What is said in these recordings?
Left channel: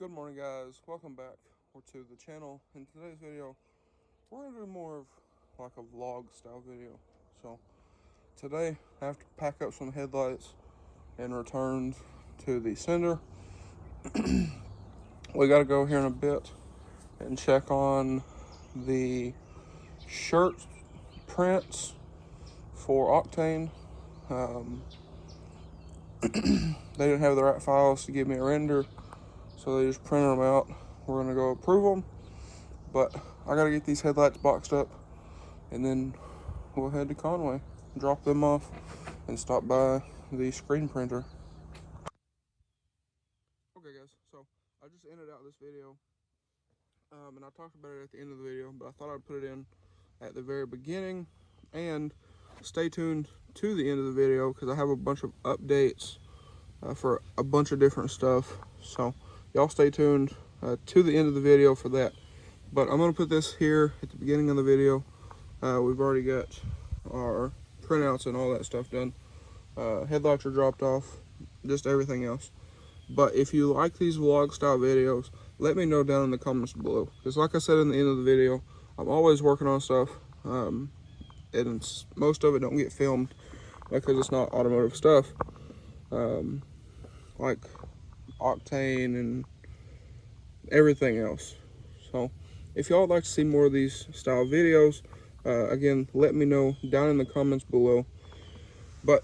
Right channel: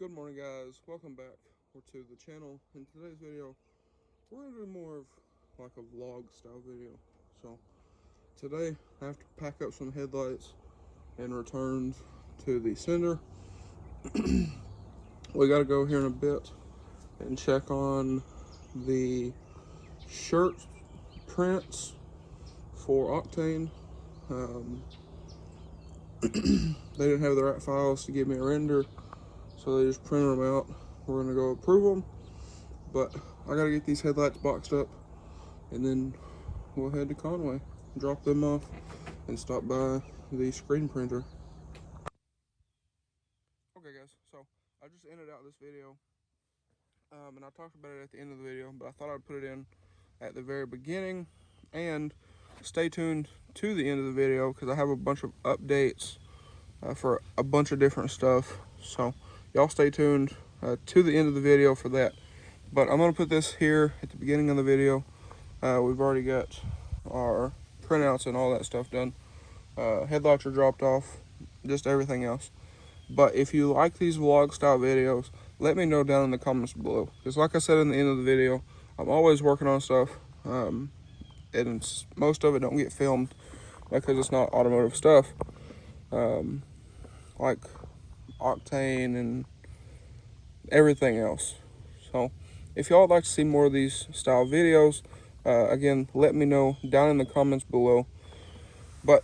Good morning, guys. Welcome back to the channel. In today's video, we're going to do more of like a vlog style video. So today I have to pack up some headlights and return to the sender. We got to go here in a bit and check on the shirt prints for Octane. They didn't have the right files to give me a render, so they just printed them out. We're gonna go approve them, but I gotta get these headlights boxed up, and then we'll head to Conway, drop them off, and stop by the screen printer. Okay, guys, so I just ended out this video, and I talked about it at the end of the video, but I thought I'd put it in at the very beginning, and stay tuned to the end of the video because I have a bunch of updates for a bunch of different stuff. So y'all stay tuned to the end of the video for that. But I'm gonna put this here at the beginning of the video. We've already got our printouts and all that stuff done. Headlights are dropped off, just everything else. But if you like these vlog style videos, let me know down in the comments below. Because like I said in the end of the video, I'm always working on stuff. And most of it don't get filmed because it's not automotive stuff. Like Octane and everything else. So if y'all would like to see more of these style videos, again, let me know down in the comments below. But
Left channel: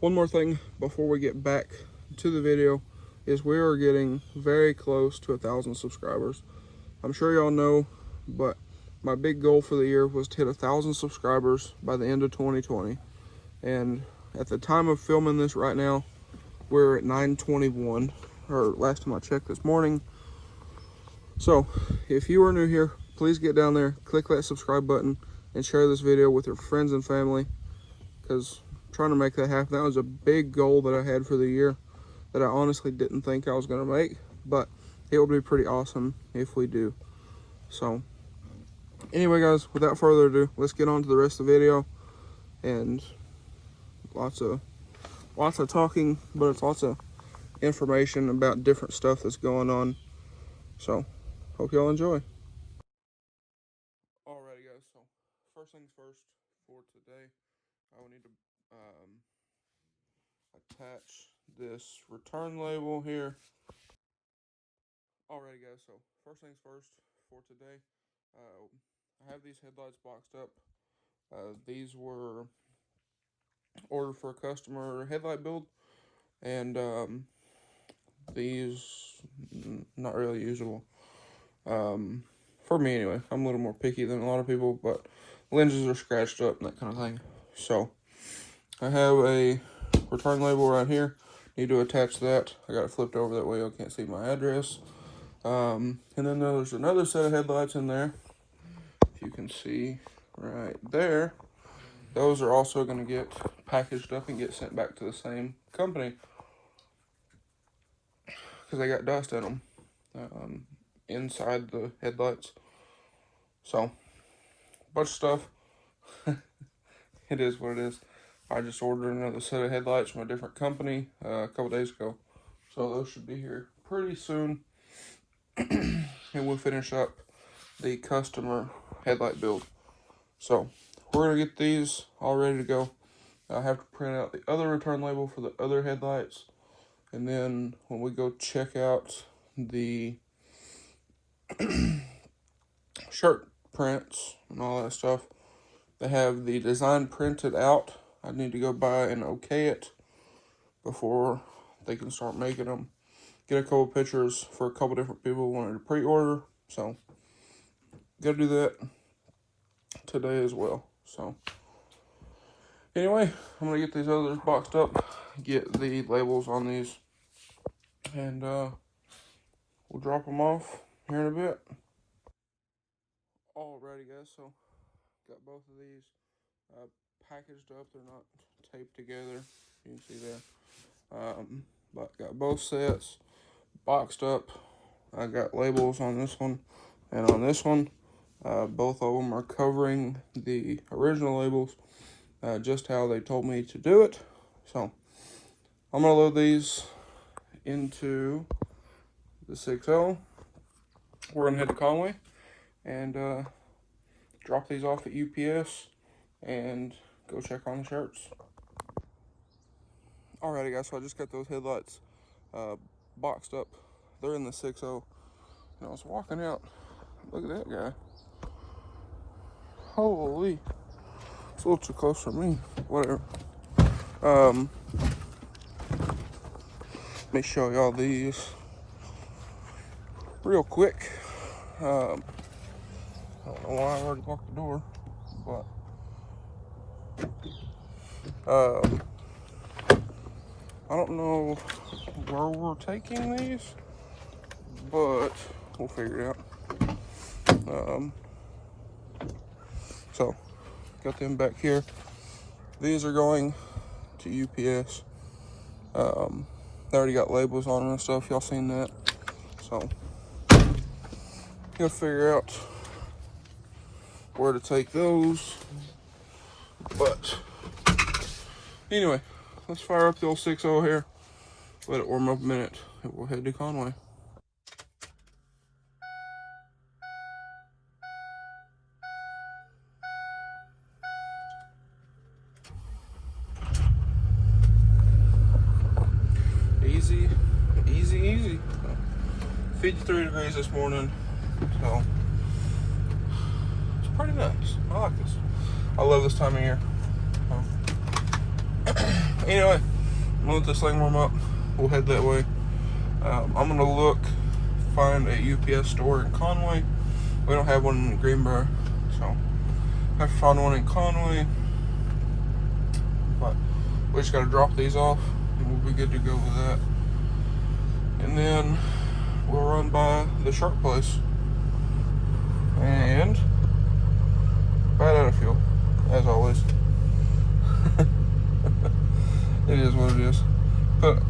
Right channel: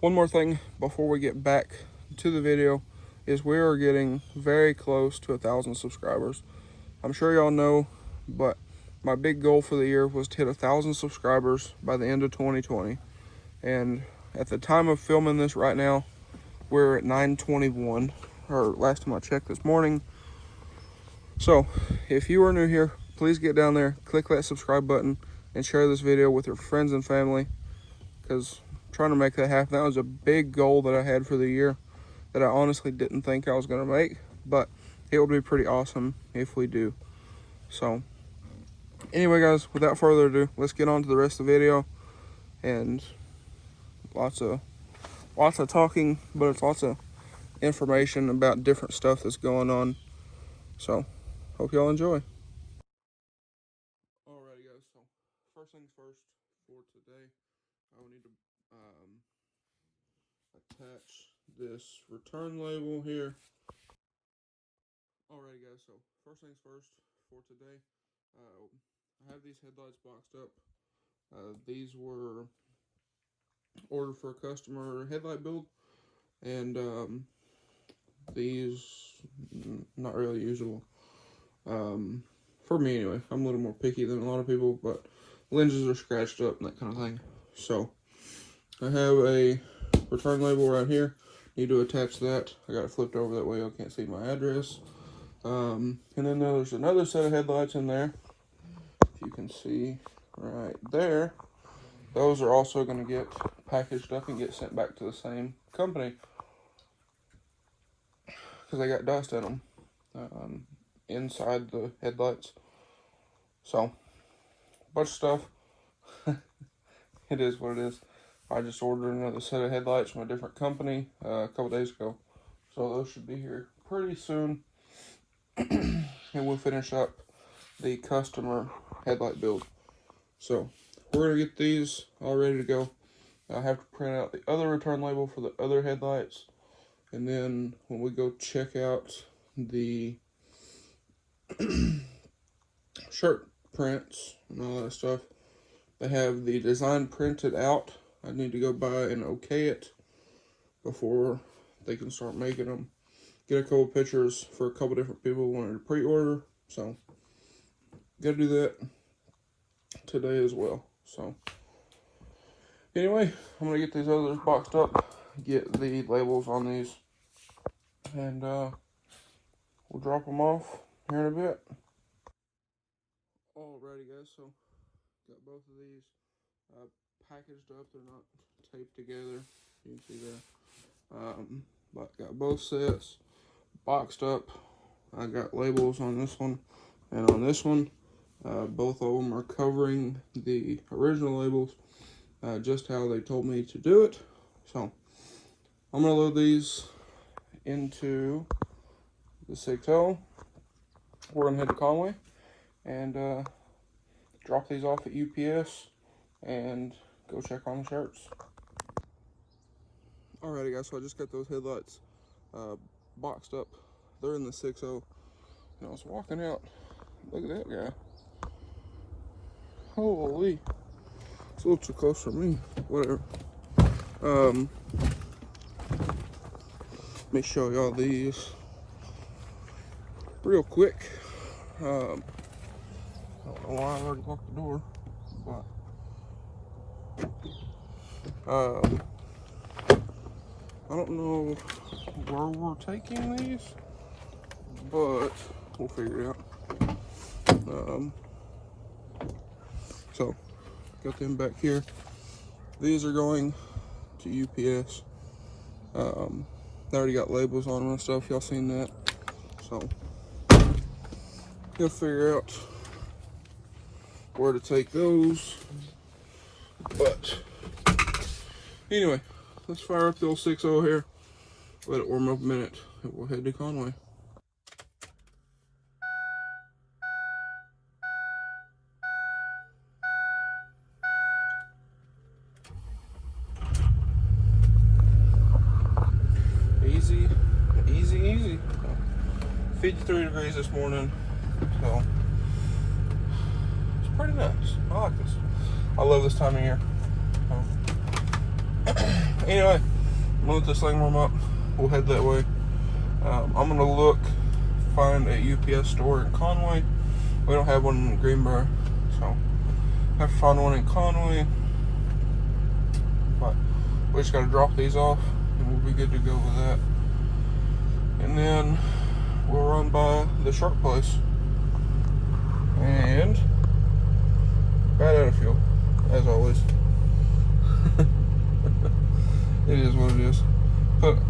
one more thing before we get back to the video is we are getting very close to 1,000 subscribers. I'm sure y'all know, but my big goal for the year was to hit 1,000 subscribers by the end of 2020. And at the time of filming this right now, we're at 921, or last time I checked this morning. So if you are new here, please get down there, click that subscribe button, and share this video with your friends and family, because I'm trying to make that happen. That was a big goal that I had for the year that I honestly didn't think I was going to make, but it would be pretty awesome if we do. So anyway, guys, without further ado, let's get on to the rest of the video. And lots of talking, but it's lots of information about different stuff that's going on. So hope y'all enjoy. Alrighty, guys, so first things first for today, I will need to attach this return label here. Alrighty, guys, so first things first for today, I have these headlights boxed up. These were ordered for a customer headlight build, and these not really usable for me anyway. I'm a little more picky than a lot of people, but lenses are scratched up and that kind of thing. So I have a return label right here. Need to attach that. I got it flipped over that way I can't see my address. And then there's another set of headlights in there. If you can see right there, those are also going to get packaged up and get sent back to the same company because they got dust in them inside the headlights. So, bunch of stuff. It is what it is. I just ordered another set of headlights from a different company a couple days ago, so those should be here pretty soon. And we'll finish up the customer headlight build. So we're gonna get these all ready to go. I have to print out the other return label for the other headlights, and then when we go check out the shirt prints and all that stuff, they have the design printed out. I need to go by and okay it before they can start making them. Get a couple pictures for a couple different people who wanted to pre-order, so gotta do that today as well. So anyway, I'm gonna get these others boxed up, get the labels on these, and we'll drop them off here in a bit. Alrighty, guys, so got both of these packaged up. They're not taped together, you can see there, but got both sets boxed up. I got labels on this one and on this one. Both of them are covering the original labels, just how they told me to do it. So I'm gonna load these into the 6.0. We're gonna head to Conway and drop these off at UPS and go check on the shirts. Alrighty guys, so I just got those headlights boxed up. They're in the 6.0. And I was walking out. Look at that guy. Holy. It's a little too close for me. Whatever. Let me show y'all these real quick. I don't know why I already locked the door, but I don't know where we're taking these, but we'll figure it out. So got them back here. These are going to UPS. They already got labels on it and stuff. Y'all seen that? So gotta figure out where to take those. But anyway, let's fire up the old 6.0 here. Let it warm up a minute, and we'll head to Conway. Easy. 53 degrees this morning, so it's pretty nice. I like this. I love this time of year. Anyway, we'll let this thing warm up. We'll head that way. I'm gonna find a UPS store in Conway. We don't have one in Greenbrier, so I have to find one in Conway. But we just gotta drop these off, and we'll be good to go with that. And then we'll run by the shirt place and right out of fuel, as always. It is what it is. Put a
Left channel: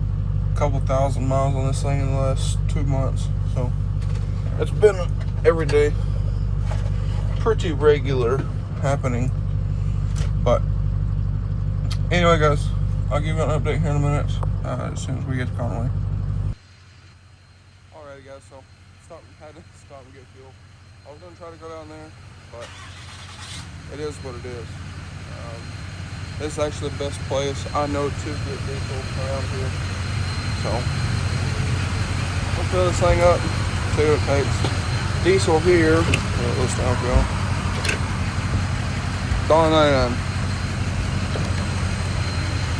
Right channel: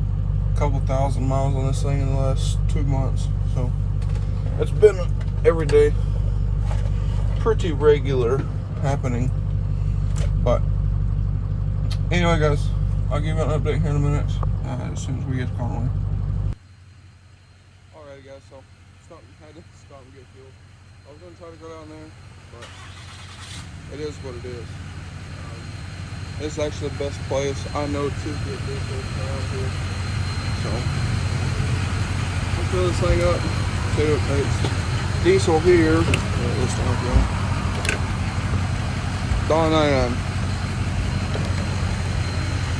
couple thousand miles on this thing in the last 2 months, so it's been every day, pretty regular happening. But anyway, guys, I'll give you an update here in a minute as soon as we get to Conway. Alright guys, so had to stop and get fuel. I was gonna try to go down there, but it is what it is. This is actually the best place I know to get diesel around here. So I'll fill this thing up. See what it takes. Diesel here. This time go. $1.99.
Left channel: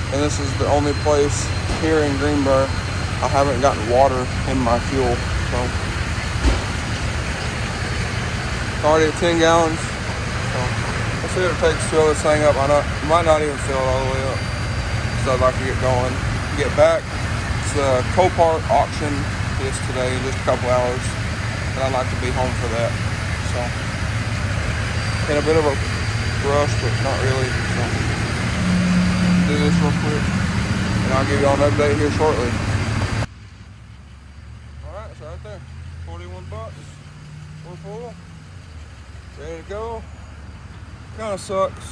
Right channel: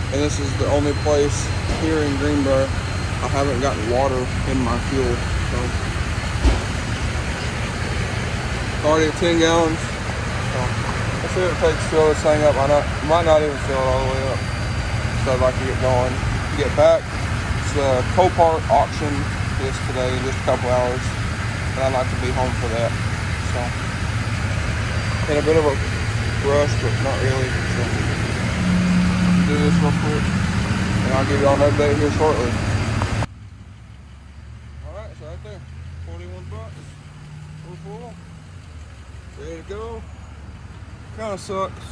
And this is the only place here in Greenbrier I haven't gotten water in my fuel. So already at 10 gallons. Let's see what it takes to fill this thing up. I might not even fill it all the way up. So I'd like to get going. Get back. It's the Copart auction is today, in just a couple hours. And I'd like to be home for that. So in a bit of a rush, but not really. Do this real quick. And I'll give you all an update here shortly. Alright, so right there. 41 bucks. Full. Ready to go. Kind of sucks.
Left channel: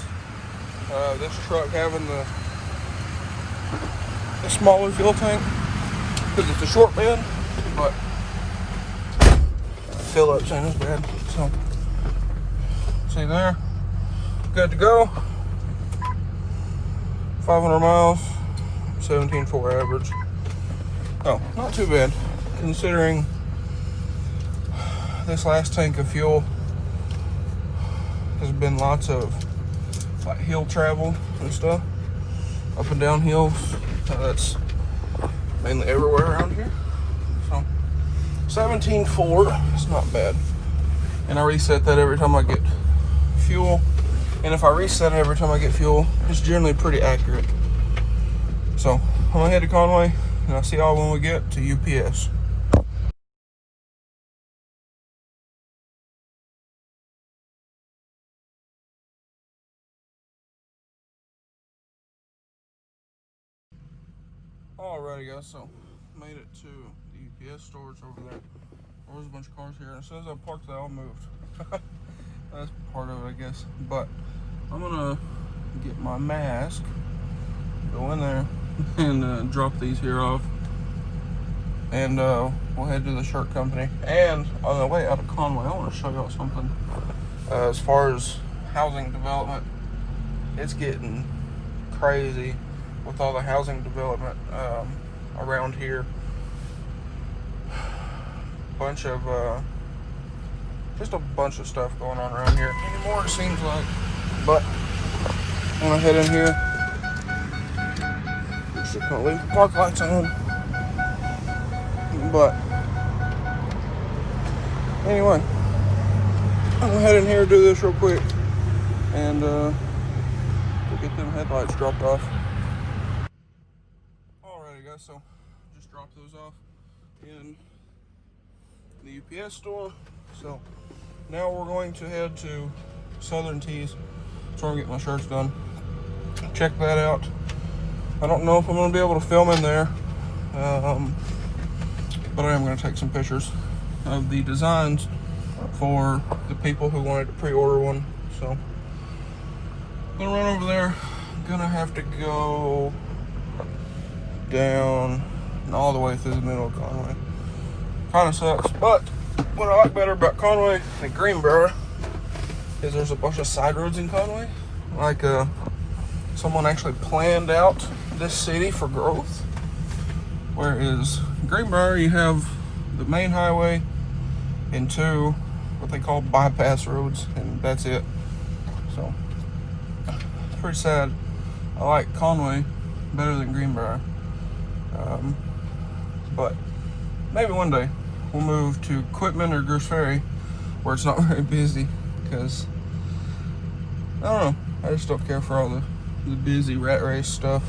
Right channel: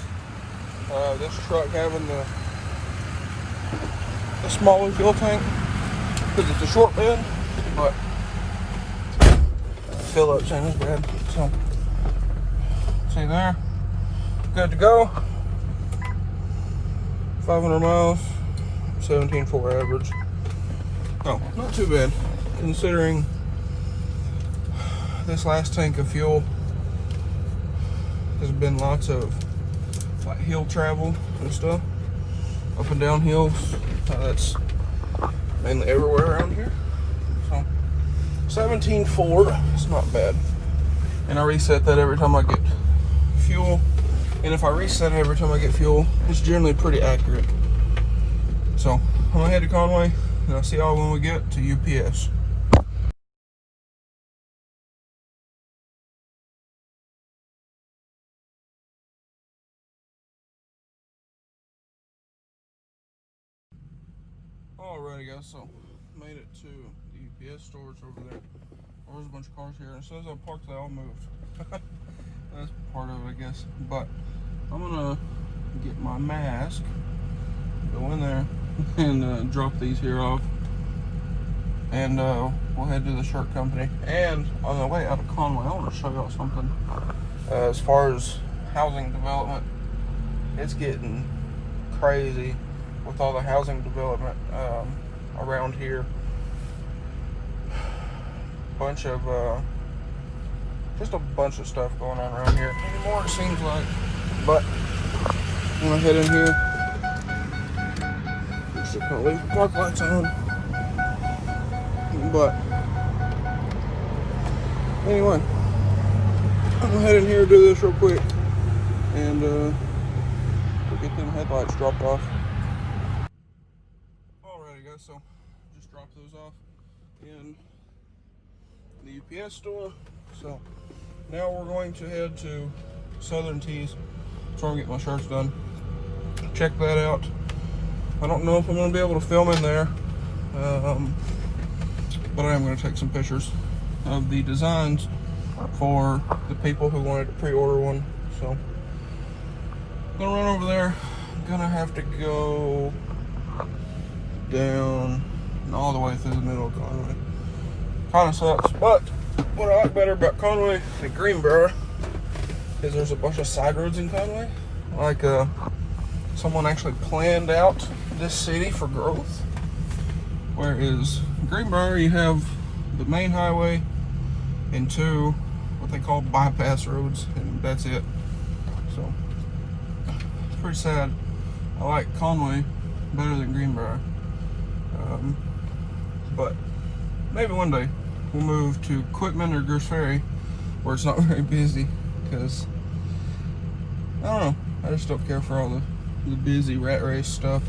This truck having the smaller fuel tank because it's a short bed, but fill up's ain't as bad. So, see there, good to go. 500 miles, 17.4 average. Oh, not too bad considering this last tank of fuel has been lots of like hill travel and stuff, up and down hills. That's mainly everywhere around here. So 17.4, it's not bad. And I reset that every time I get fuel. And if I reset it every time I get fuel, it's generally pretty accurate. So I'm gonna head to Conway, and I'll see y'all when we get to UPS. Alrighty guys, so made it to the UPS storage over there. There was a bunch of cars here, and as soon as I parked, they all moved. That's part of it, I guess. But I'm gonna get my mask, go in there, and drop these here off. and we'll head to the shirt company. And on the way out of Conway, I want to show y'all something. As far as housing development, it's getting crazy with all the housing development around here. Just a bunch of stuff going on around here. More it seems like. But I'm gonna head in here. Still can't leave the park lights on. But anyway, I'm gonna head in here and do this real quick and get the headlights dropped off. Alrighty guys, so just dropped those off in the UPS store. So now we're going to head to Southern Tees, try and get my shirts done. Check that out. I don't know if I'm going to be able to film in there, but I am going to take some pictures of the designs for the people who wanted to pre-order one. So I'm going to run over there. I'm going to have to go down and all the way through the middle of Conway. Kind of sucks, but what I like better about Conway and Greenbrier is there's a bunch of side roads in Conway. Like someone actually planned out this city for growth. Whereas Greenbrier, you have the main highway and two what they call bypass roads, and that's it. So it's pretty sad. I like Conway better than Greenbrier, but maybe one day we'll move to Quitman or Grosse Ferry where it's not very busy, because I don't know, I just don't care for all the busy rat race stuff.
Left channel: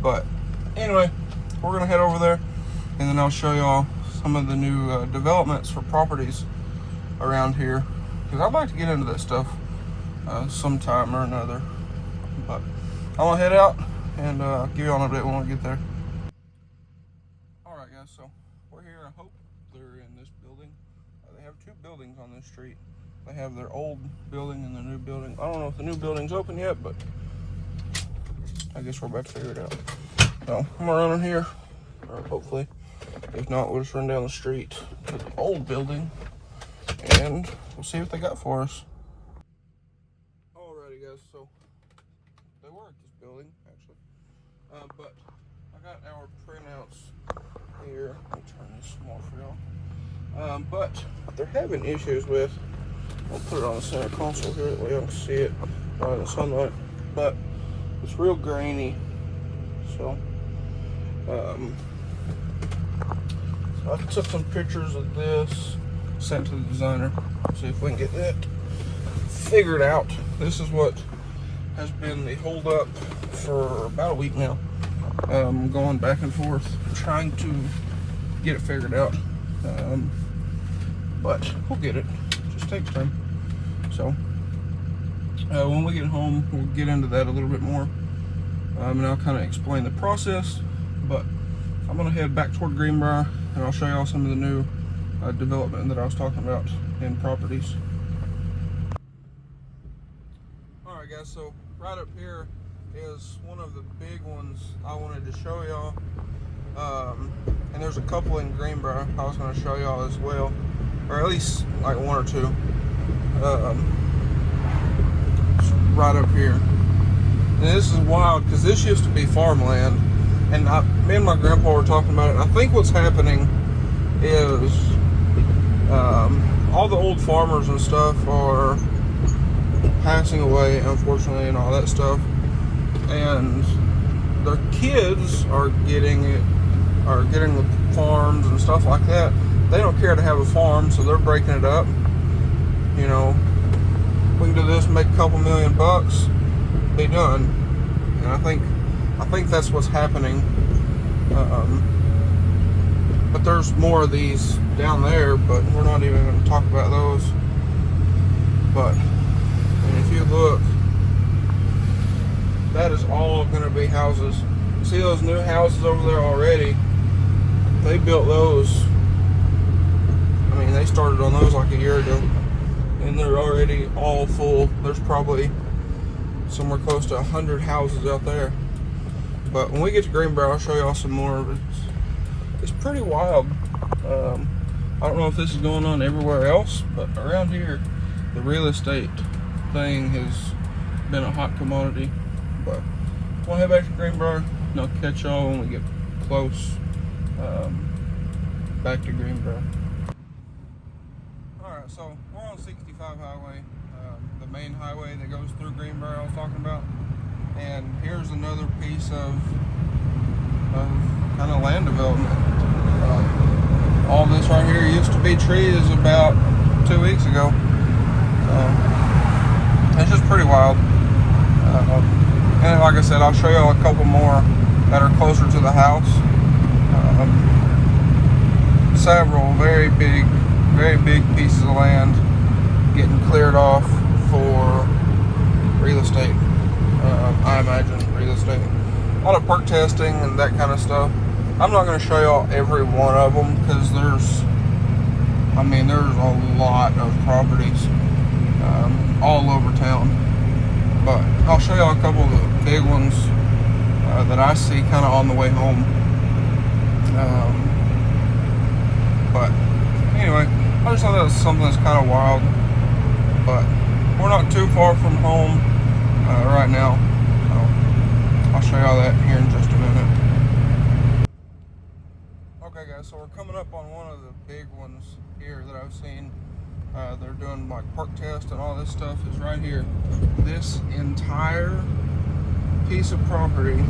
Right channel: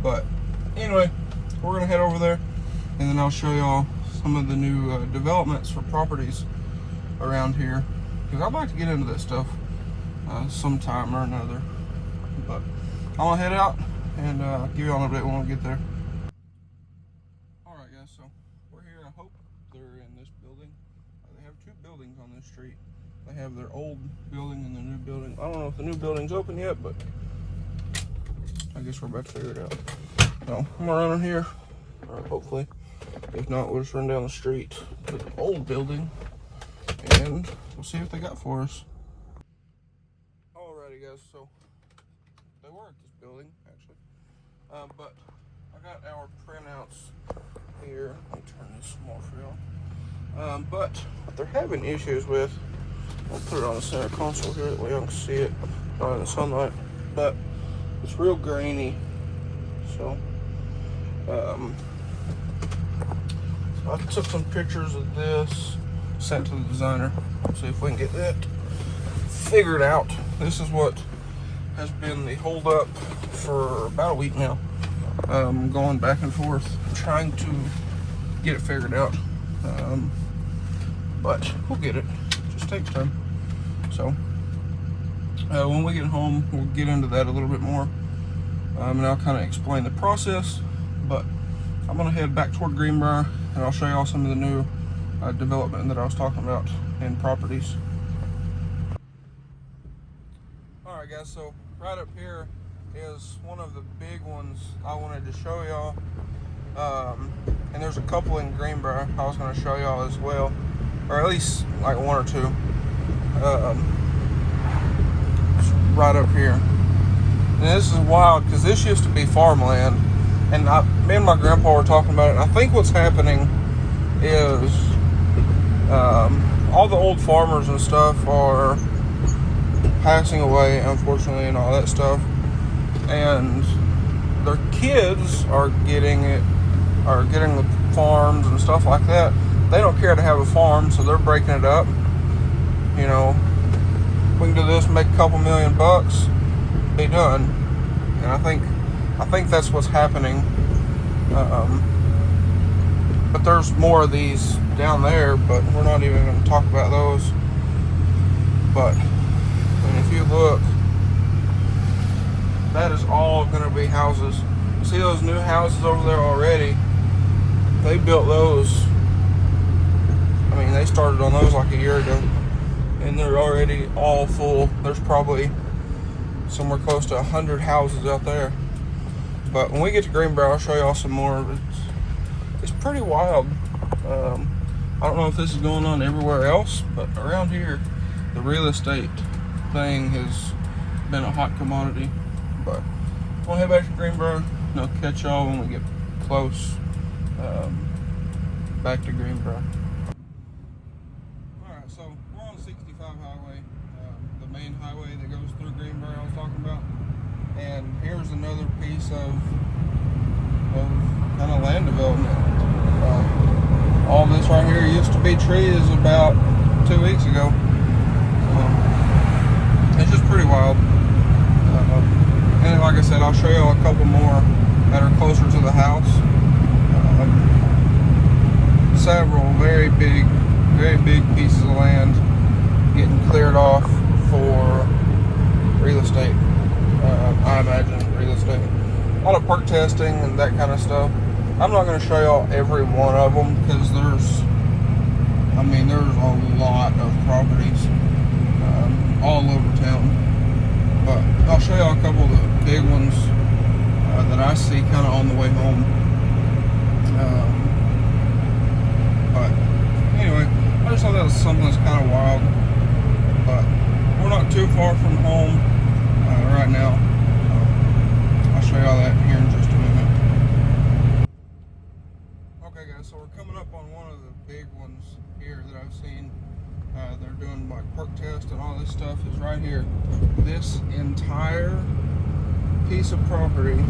But anyway, we're gonna head over there and then I'll show y'all some of the new developments for properties around here, because I'd like to get into that stuff sometime or another. But I'm gonna head out and give y'all an update when I get there. Alright guys, so we're here. I hope they're in this building. They have two buildings on this street. They have their old building and the new building. I don't know if the new building's open yet, but I guess we're about to figure it out. So I'm gonna run in here, hopefully. If not, we'll just run down the street to the old building and we'll see what they got for us. Alrighty guys, so they were at this building actually, but I got our printouts here. Let me turn this off for y'all. But they're having issues with, let's put it on the center console here, that way I can see it under the sunlight. But it's real grainy, so I took some pictures of this, sent to the designer. See if we can get that figured out. This is what has been the hold up for about a week now. Going back and forth, trying to get it figured out. But we'll get it. It just takes time. So when we get home, we'll get into that a little bit more. And I'll kind of explain the process. But I'm gonna head back toward Greenbrier and I'll show y'all some of the new development that I was talking about in properties. Alright guys, so right up here is one of the big ones I wanted to show y'all. And there's a couple in Greenbrier I was going to show y'all as well, or at least like one or two. Right up here. And this is wild because this used to be farmland, and me and my grandpa were talking about it. I think what's happening is all the old farmers and stuff are passing away, unfortunately, and all that stuff, and their kids are getting the farms and stuff like that. They don't care to have a farm, so they're breaking it up. You know, we can do this, make a couple $1 million, be done. And I think that's what's happening. But there's more of these down there, but we're not even going to talk about those. But if you look, that is all going to be houses. See those new houses over there already? They built those. I mean, they started on those like a year ago, and they're already all full. There's probably somewhere close to 100 houses out there. But when we get to Greenbrier, I'll show y'all some more of it. It's pretty wild. I don't know if this is going on everywhere else, but around here, the real estate thing has been a hot commodity. But we'll head back to Greenbrier, and I'll catch y'all when we get close back to Greenbrier. Alright, so we're on 65 highway, the main highway that goes through Greenbrier I was talking about. And here's another piece of kind of land development. All this right here used to be trees about 2 weeks ago. It's just pretty wild. And like I said, I'll show you a couple more that are closer to the house. Several very big pieces of land getting cleared off for real estate. I imagine real estate. A lot of perk testing and that kind of stuff. I'm not going to show y'all every one of them because there's a lot of properties all over town. But I'll show y'all a couple of the big ones that I see kind of on the way home. But anyway, I just thought that was something that's kind of wild. But we're not too far from home right now. So I'll show y'all that here in just a minute. Okay guys, so we're coming up on one of the big ones here that I've seen. They're doing like perk test and all this stuff is right here. This entire piece of property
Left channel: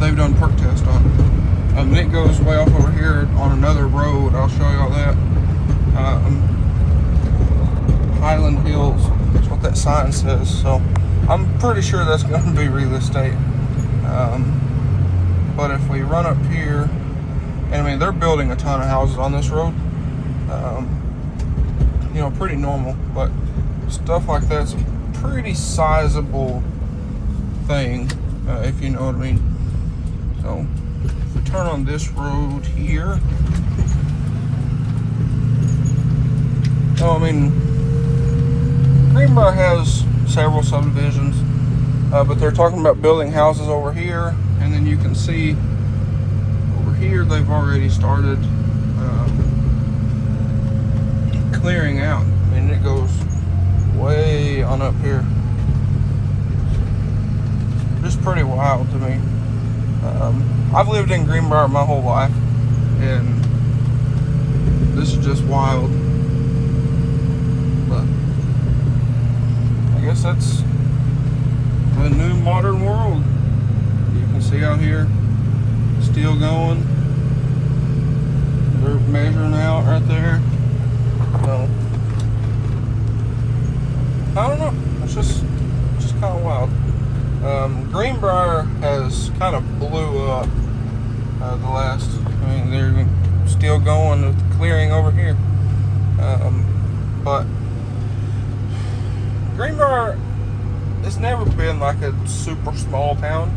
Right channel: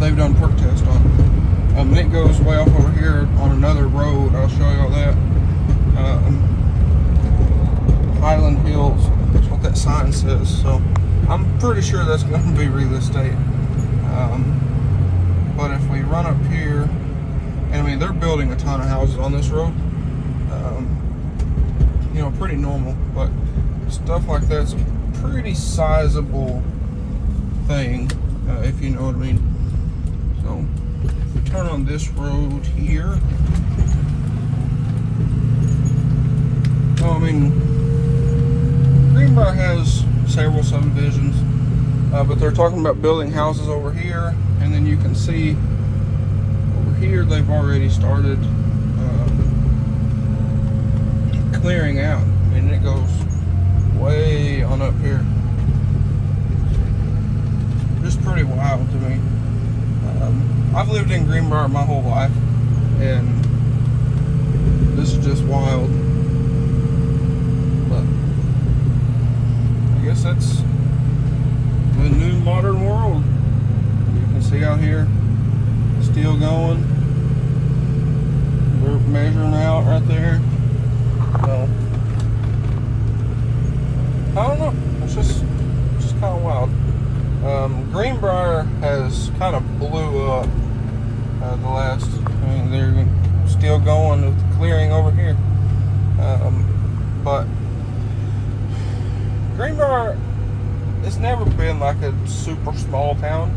they've done perk test on. And it goes way off over here on another road. I'll show you all that. Island Hills, that's what that sign says. So I'm pretty sure that's going to be real estate. But if we run up here, and I mean they're building a ton of houses on this road. You know, pretty normal, but stuff like that's a pretty sizable thing, if you know what I mean. So if we turn on this road here, I mean, Greenbrier has several subdivisions, but they're talking about building houses over here, and then you can see over here they've already started clearing out, and it goes way on up here. It's pretty wild to me. I've lived in Greenbrier my whole life, and this is just wild. But I guess that's a new modern world. You can see out here, still going. We're measuring out right there. I don't know. It's just kind of wild. Greenbrier has kind of blew up in the last. I mean, they're still going with the clearing over here. But Greenbrier has never been like a super small town.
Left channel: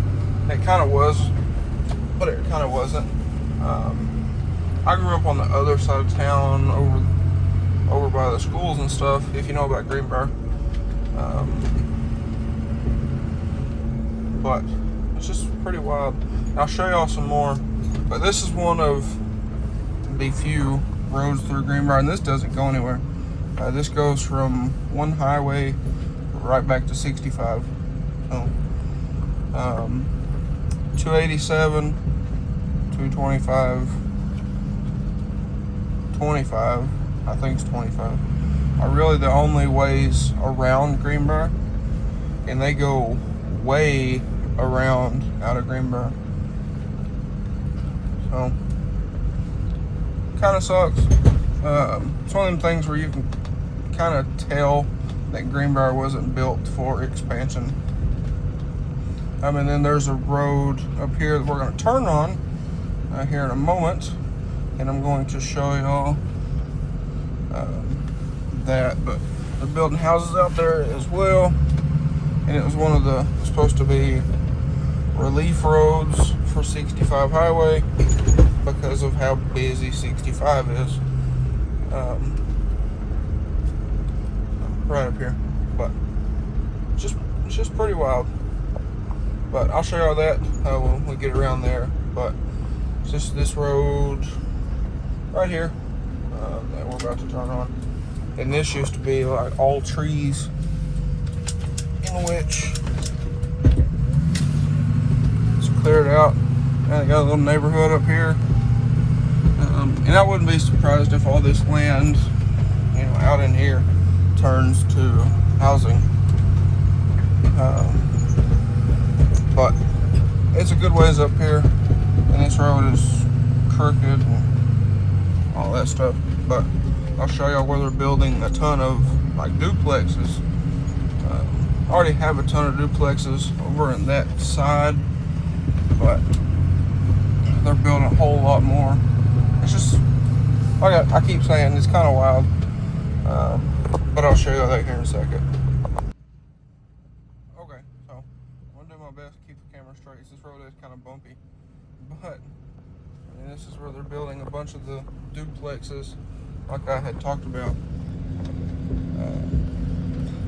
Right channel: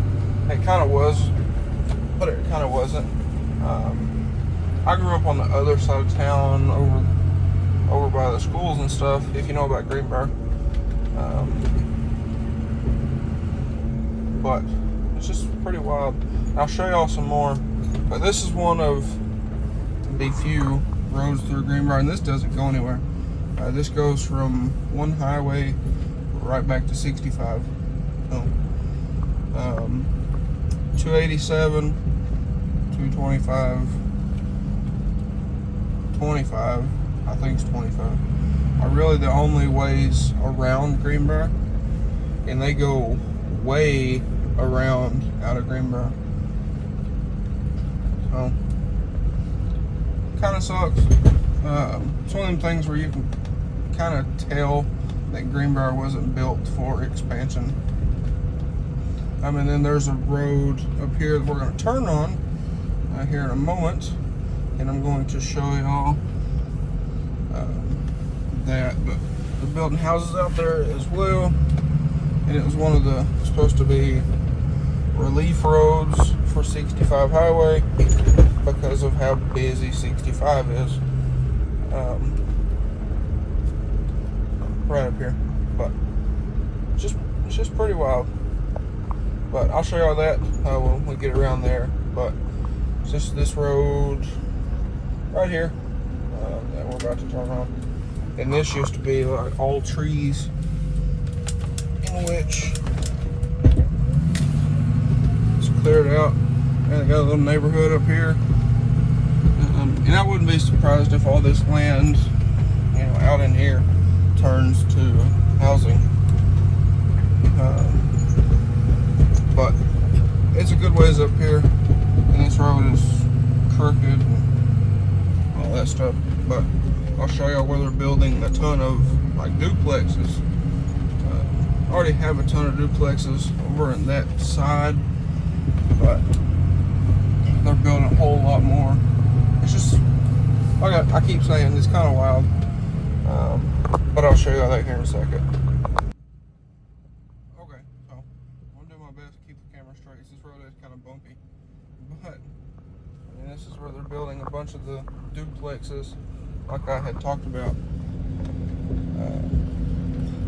It kind of was, but it kind of wasn't. I grew up on the other side of town, over by the schools and stuff, if you know about Greenbrier. But it's just pretty wild. And I'll show y'all some more. But this is one of the few roads through Greenbrier, and this doesn't go anywhere. This goes from one highway right back to 65. So, 287, 225, 25, I think it's 25, are really the only ways around Greenbrier, and they go way around out of Greenbrier. So, kind of sucks. It's one of them things where you can kind of tell that Greenbrier wasn't built for expansion. I mean, then there's a road up here that we're going to turn on here in a moment, and I'm going to show y'all that. But they're building houses out there as well, and it was one of the supposed to be relief roads for 65 highway because of how busy 65 is. Right up here, but it's just pretty wild. But I'll show y'all that when we get around there. but it's just this road right here that we're about to turn on. And this used to be like all trees, in which it's cleared out. And I got a little neighborhood up here. And I wouldn't be surprised if all this land, you know, out in here turns to housing. But it's a good ways up here, and this road is crooked and all that stuff. But I'll show y'all where they're building a ton of like duplexes. Already have a ton of duplexes over in that side, but they're building a whole lot more. It's just, like I keep saying, it's kind of wild. But I'll show you that here in a second. Okay, so I'm gonna do my best to keep the camera straight. This road is kind of bumpy, but I mean, this is where they're building a bunch of the duplexes, like I had talked about.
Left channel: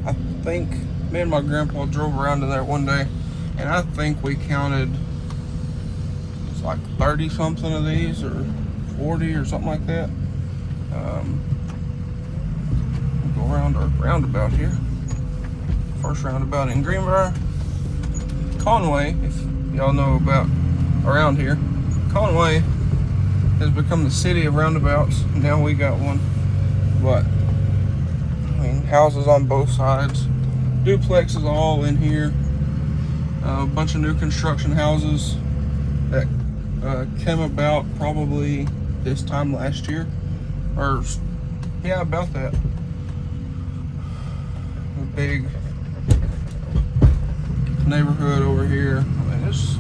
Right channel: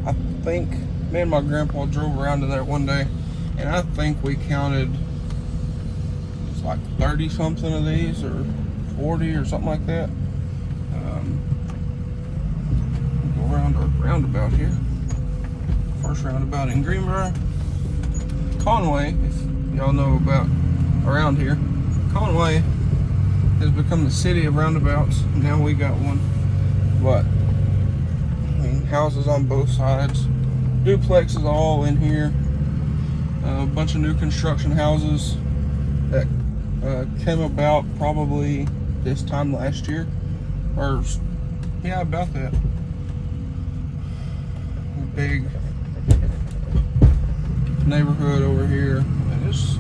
I think me and my grandpa drove around to that one day, and I think we counted, it's like 30 something of these, or 40 or something like that. We'll go around our roundabout here. First roundabout in Greenbrier. Conway, if y'all know about around here, Conway has become the city of roundabouts. Now we got one. But I mean, houses on both sides, duplexes all in here, a bunch of new construction houses that came about probably this time last year, or yeah, about that. A big neighborhood over here, and it's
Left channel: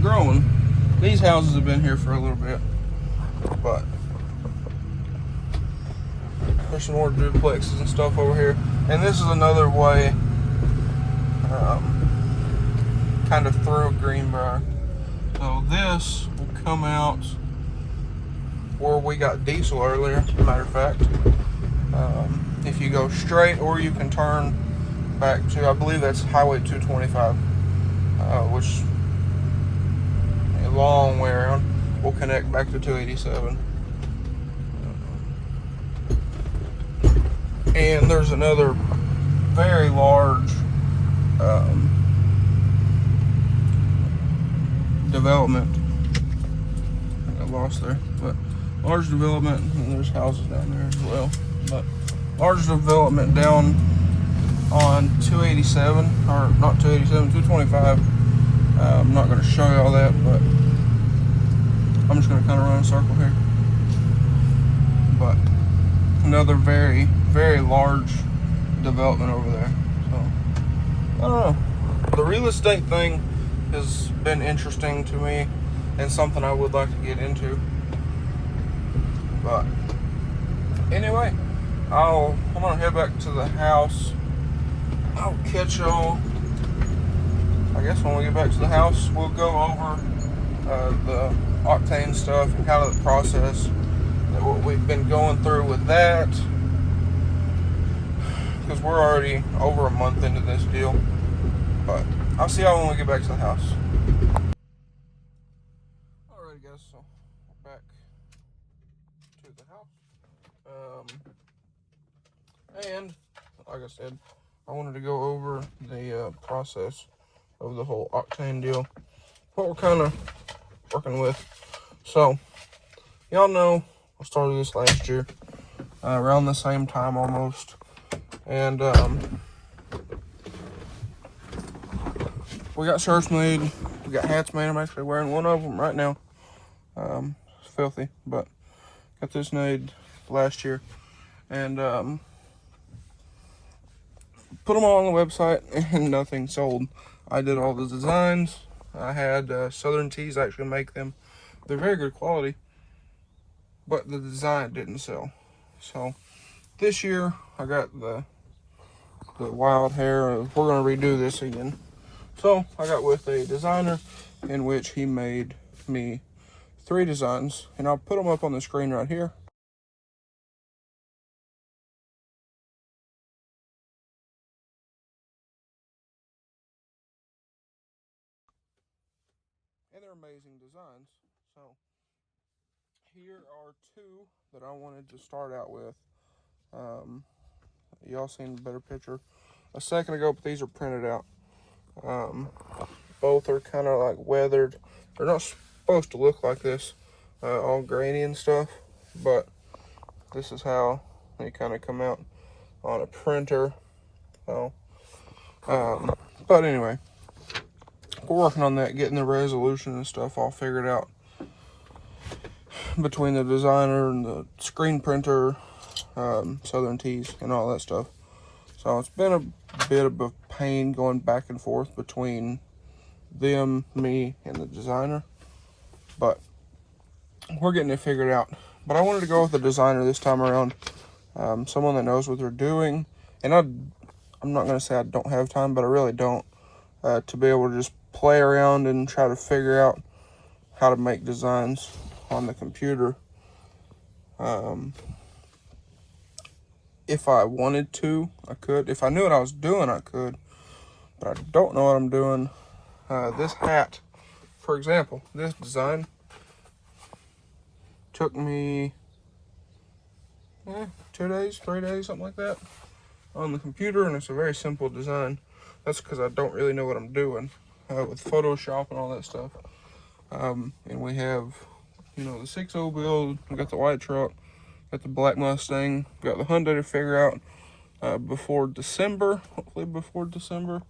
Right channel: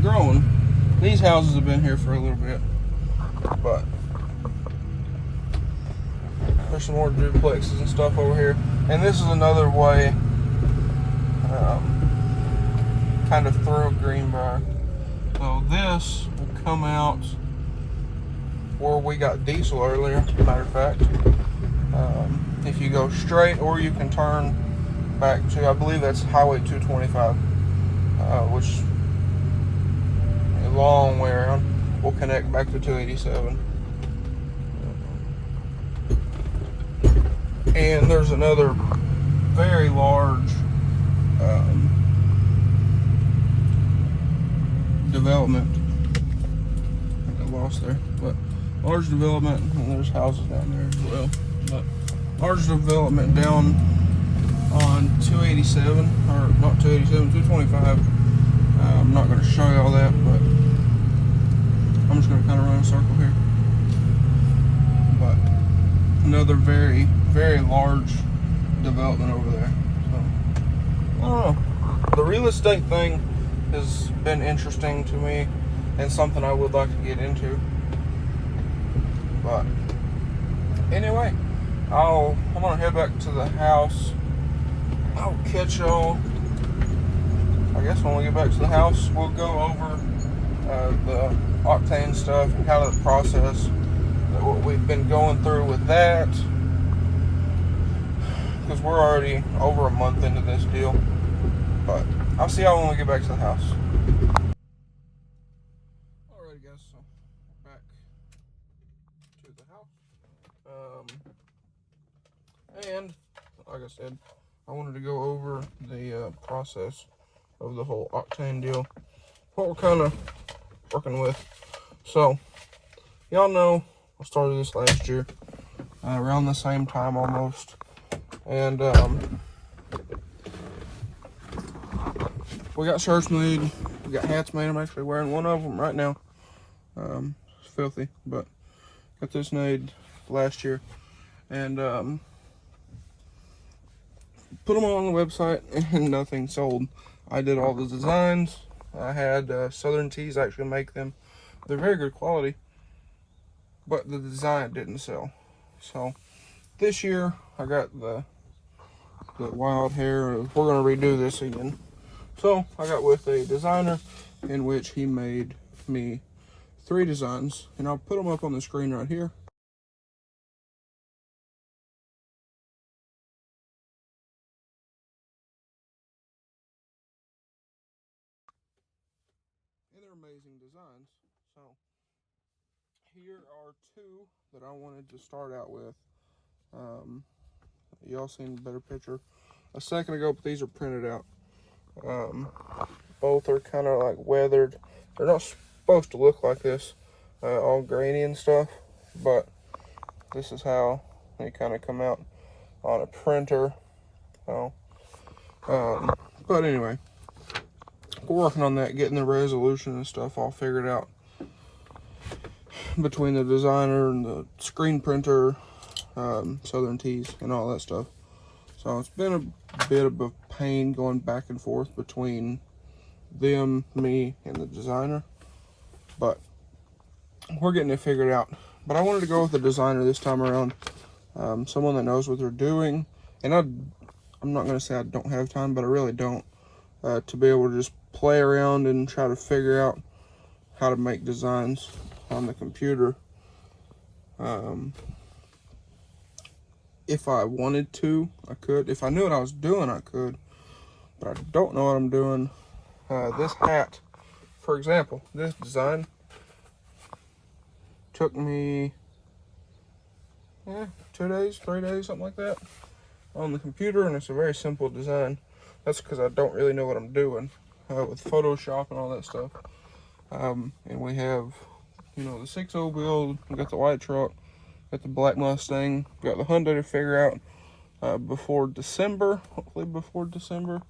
growing. These houses have been here for a little bit, but there's some more duplexes and stuff over here. And this is another way, kind of through Greenbrier. So this will come out where we got diesel earlier, as a matter of fact. If you go straight, or you can turn back to, I believe that's Highway 225, which a long way around will connect back to 287. And there's another very large development. I got lost there, but large development, and there's houses down there as well. But large development down on 287, or not 287, 225. I'm not going to show you all that, but I'm just going to kind of run a circle here. But another very, very large development over there. So I don't know. The real estate thing has been interesting to me and something I would like to get into. But anyway, I'm gonna head back to the house. I'll catch y'all, I guess, when we get back to the house. We'll go over the Octane stuff and kind of the process, what we've been going through with that, because we're already over a month into this deal. But I'll see y'all when we get back to the house. Alright guys, so we're back to the house. And like I said, I wanted to go over the process of the whole Octane deal, what we're kind of working with. So y'all know I started this last year, around the same time almost, and we got shirts made, we got hats made. I'm actually wearing one of them right now. It's filthy, but got this made last year, and put them all on the website, and nothing sold. I did all the designs. I had Southern Tees actually make them. They're very good quality, but the design didn't sell. So this year I got the wild hair. We're gonna redo this again. So I got with a designer, in which he made me 3 designs, and I'll put them up on the screen right here. And So here are two that I wanted to start out with. Y'all seen a better picture a second ago, but these are printed out. Both are kind of like weathered. They're not supposed to look like this, all grainy and stuff, but this is how they kind of come out on a printer. So, but anyway, we're working on that, getting the resolution and stuff all figured out between the designer and the screen printer, Southern Tees and all that stuff. So it's been a bit of a pain going back and forth between them, me, and the designer, but we're getting it figured out. But I wanted to go with the designer this time around, someone that knows what they're doing. And I'm not going to say I don't have time, but I really don't, to be able to just play around and try to figure out how to make designs on the computer. If I wanted to, I could. If I knew what I was doing, I could. But I don't know what I'm doing. This hat, for example, this design took me 2 days, 3 days, something like that, on the computer, and it's a very simple design. That's because I don't really know what I'm doing with Photoshop and all that stuff. And we have, you know, the 6.0 build, we got the white truck, got the black Mustang, got the Hyundai to figure out before December, hopefully before December.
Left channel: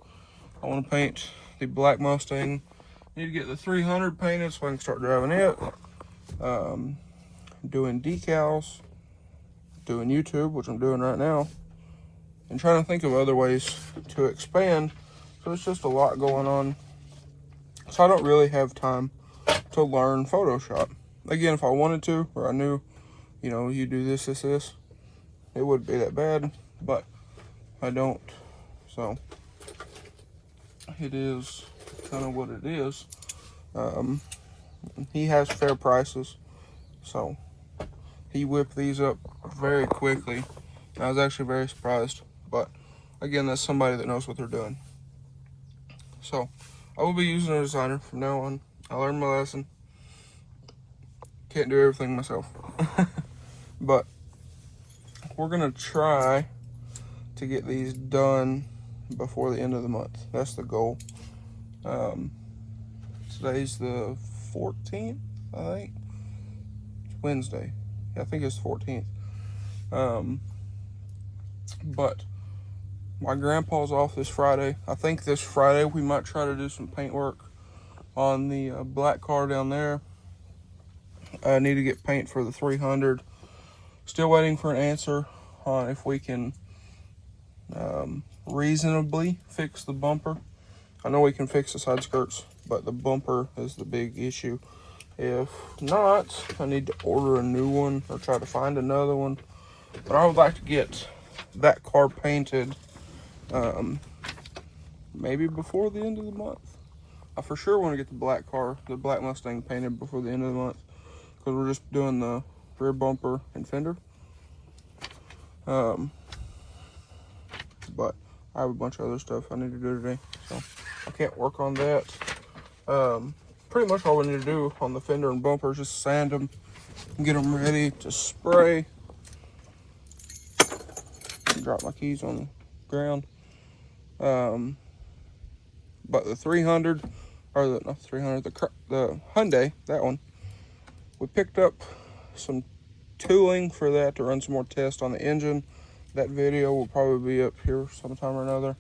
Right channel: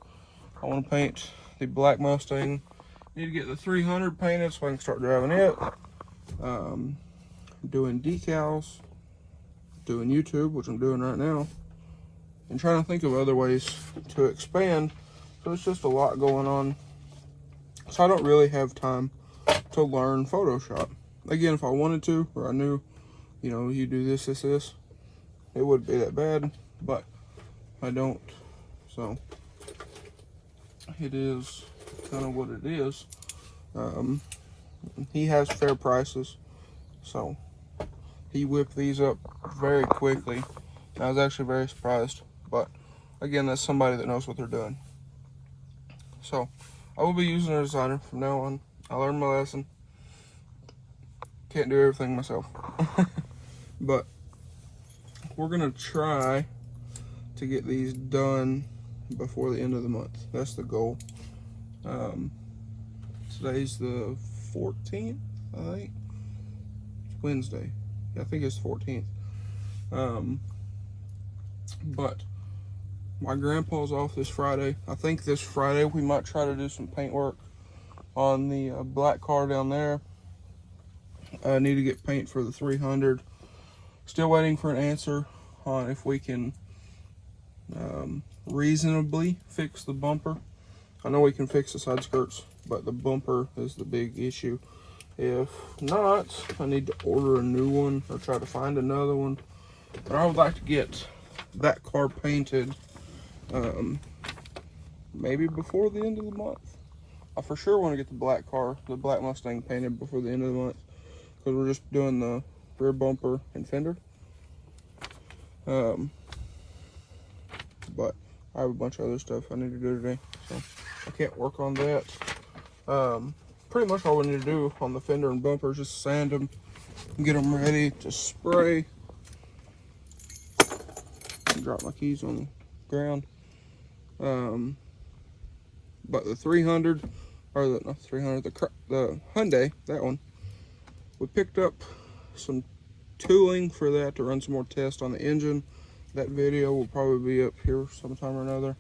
I want to paint the black Mustang. Need to get the 300 painted so I can start driving it. Doing decals, doing YouTube, which I'm doing right now, and trying to think of other ways to expand. So it's just a lot going on. So I don't really have time to learn Photoshop. Again, if I wanted to, or I knew, you know, you do this, it wouldn't be that bad, but I don't. So it is kind of what it is. He has fair prices, so he whipped these up very quickly. I was actually very surprised, but again, that's somebody that knows what they're doing. So I will be using a designer from now on. I learned my lesson. Can't do everything myself. But we're gonna try to get these done before the end of the month. That's the goal. Today's the 14th, I think. It's Wednesday. I think it's 14th. But my grandpa's off this Friday. I think this Friday we might try to do some paint work on the black car down there. I need to get paint for the 300. Still waiting for an answer on if we can reasonably fix the bumper. I know we can fix the side skirts, but the bumper is the big issue. If not, I need to order a new one or try to find another one. But I would like to get that car painted maybe before the end of the month. I for sure want to get the black Mustang painted before the end of the month, because we're just doing the rear bumper and fender. But I have a bunch of other stuff I need to do today, so I can't work on that. Pretty much all we need to do on the fender and bumper is just sand them, get them ready to spray. Drop my keys on the ground. But the 300, or not the 300, the Hyundai, that one, we picked up some tooling for that to run some more tests on the engine. That video will probably be up here sometime or another.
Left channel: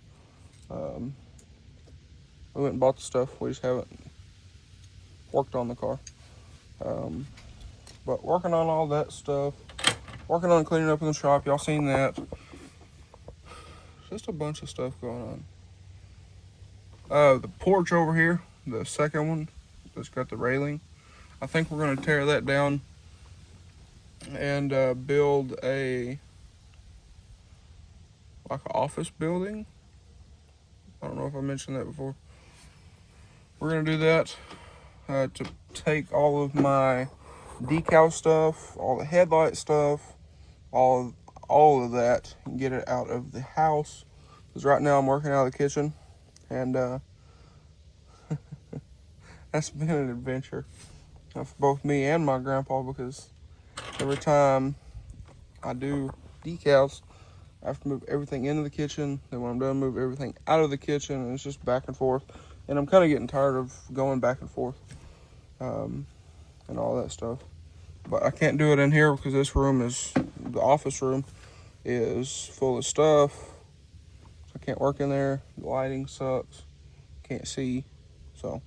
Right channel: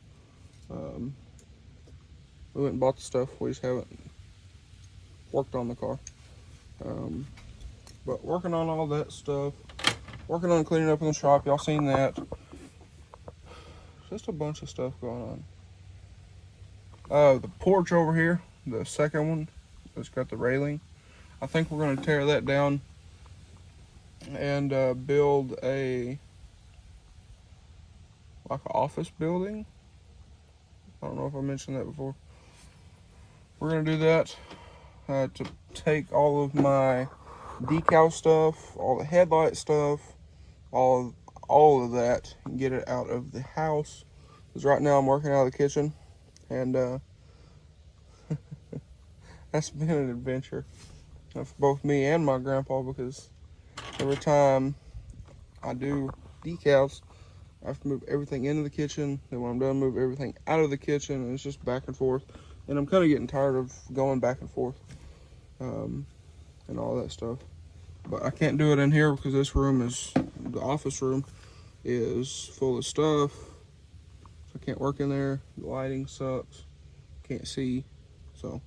We went and bought the stuff, we just haven't worked on the car. But working on all that stuff, working on cleaning up in the shop, y'all seen that. Just a bunch of stuff going on. The porch over here, the second one, that's got the railing, I think we're going to tear that down and build a like an office building. I don't know if I mentioned that before. We're going to do that to take all of my decal stuff, all the headlight stuff, all of that, and get it out of the house. Because right now I'm working out of the kitchen, and that's been an adventure. for both me and my grandpa, because every time I do decals, I have to move everything into the kitchen. Then when I'm done, move everything out of the kitchen, and it's just back and forth. And I'm kind of getting tired of going back and forth and all that stuff. But I can't do it in here because this room is, the office room is full of stuff. So I can't work in there. The lighting sucks. Can't see. So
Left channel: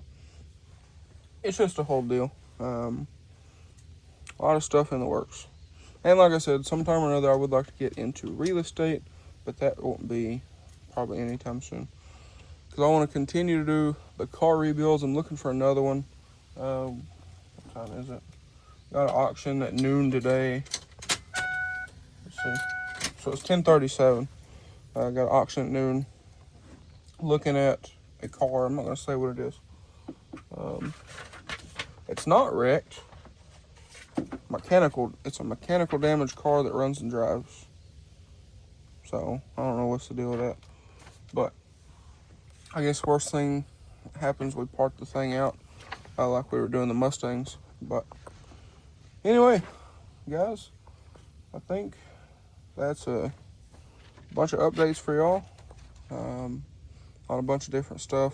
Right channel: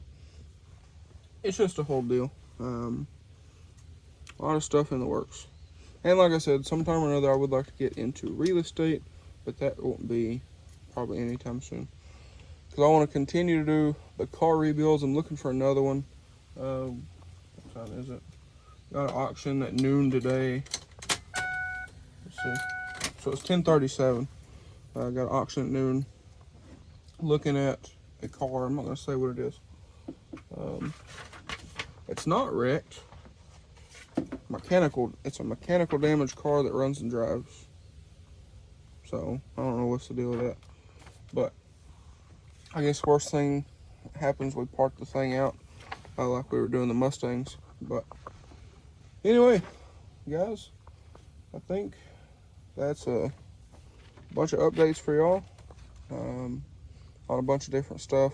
it's just a whole deal. A lot of stuff in the works. And like I said, sometime or another I would like to get into real estate, but that won't be probably anytime soon. Because I want to continue to do the car rebuilds. I'm looking for another one. What time is it? Got an auction at noon today. Let's see. So it's 10:37. I got an auction at noon. Looking at a car. I'm not going to say what it is. It's not wrecked. It's a mechanical damaged car that runs and drives. So I don't know what's the deal with that, but I guess worst thing happens, we park the thing out like we were doing the Mustangs. But anyway, guys, I think that's a bunch of updates for y'all on a bunch of different stuff.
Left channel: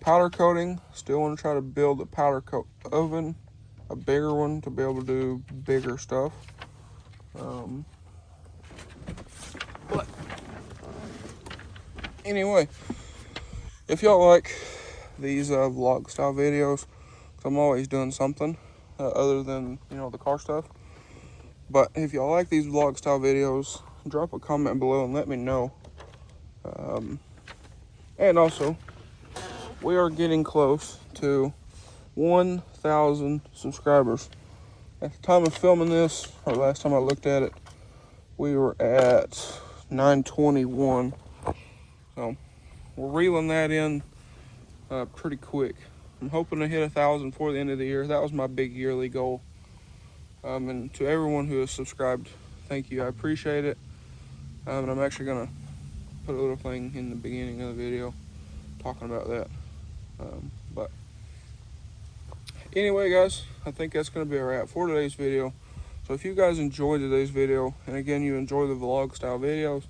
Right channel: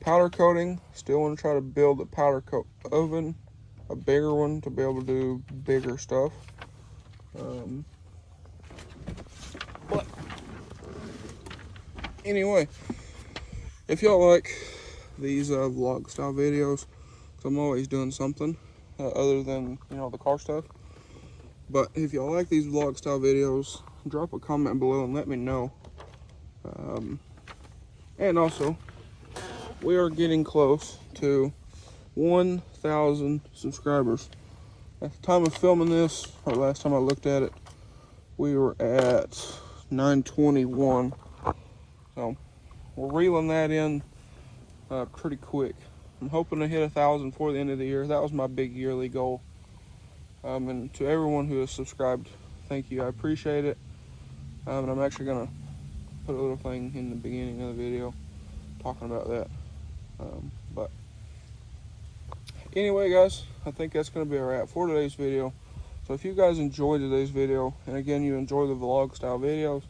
Powder coating, still want to try to build a powder coat oven, a bigger one to be able to do bigger stuff. But anyway, if y'all like these vlog style videos, 'cause I'm always doing something other than, you know, the car stuff. But if y'all like these vlog style videos, drop a comment below and let me know. And also, we are getting close to 1,000 subscribers. At the time of filming this, or last time I looked at it, we were at 921. So we're reeling that in pretty quick. I'm hoping to hit 1,000 before the end of the year. That was my big yearly goal. And to everyone who has subscribed, thank you. I appreciate it. And I'm actually gonna put a little thing in the beginning of the video talking about that. But anyway, guys, I think that's going to be a wrap for today's video. So if you guys enjoyed today's video, and again, you enjoy the vlog style videos,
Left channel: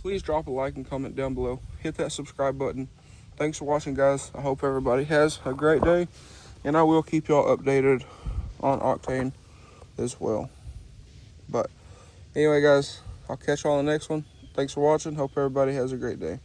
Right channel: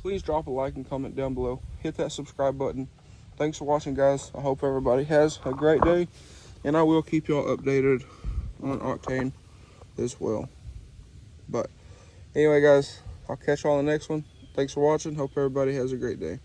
please drop a like and comment down below. Hit that subscribe button. Thanks for watching, guys. I hope everybody has a great day, and I will keep y'all updated on Octane as well. But anyway, guys, I'll catch y'all on the next one. Thanks for watching. Hope everybody has a great day.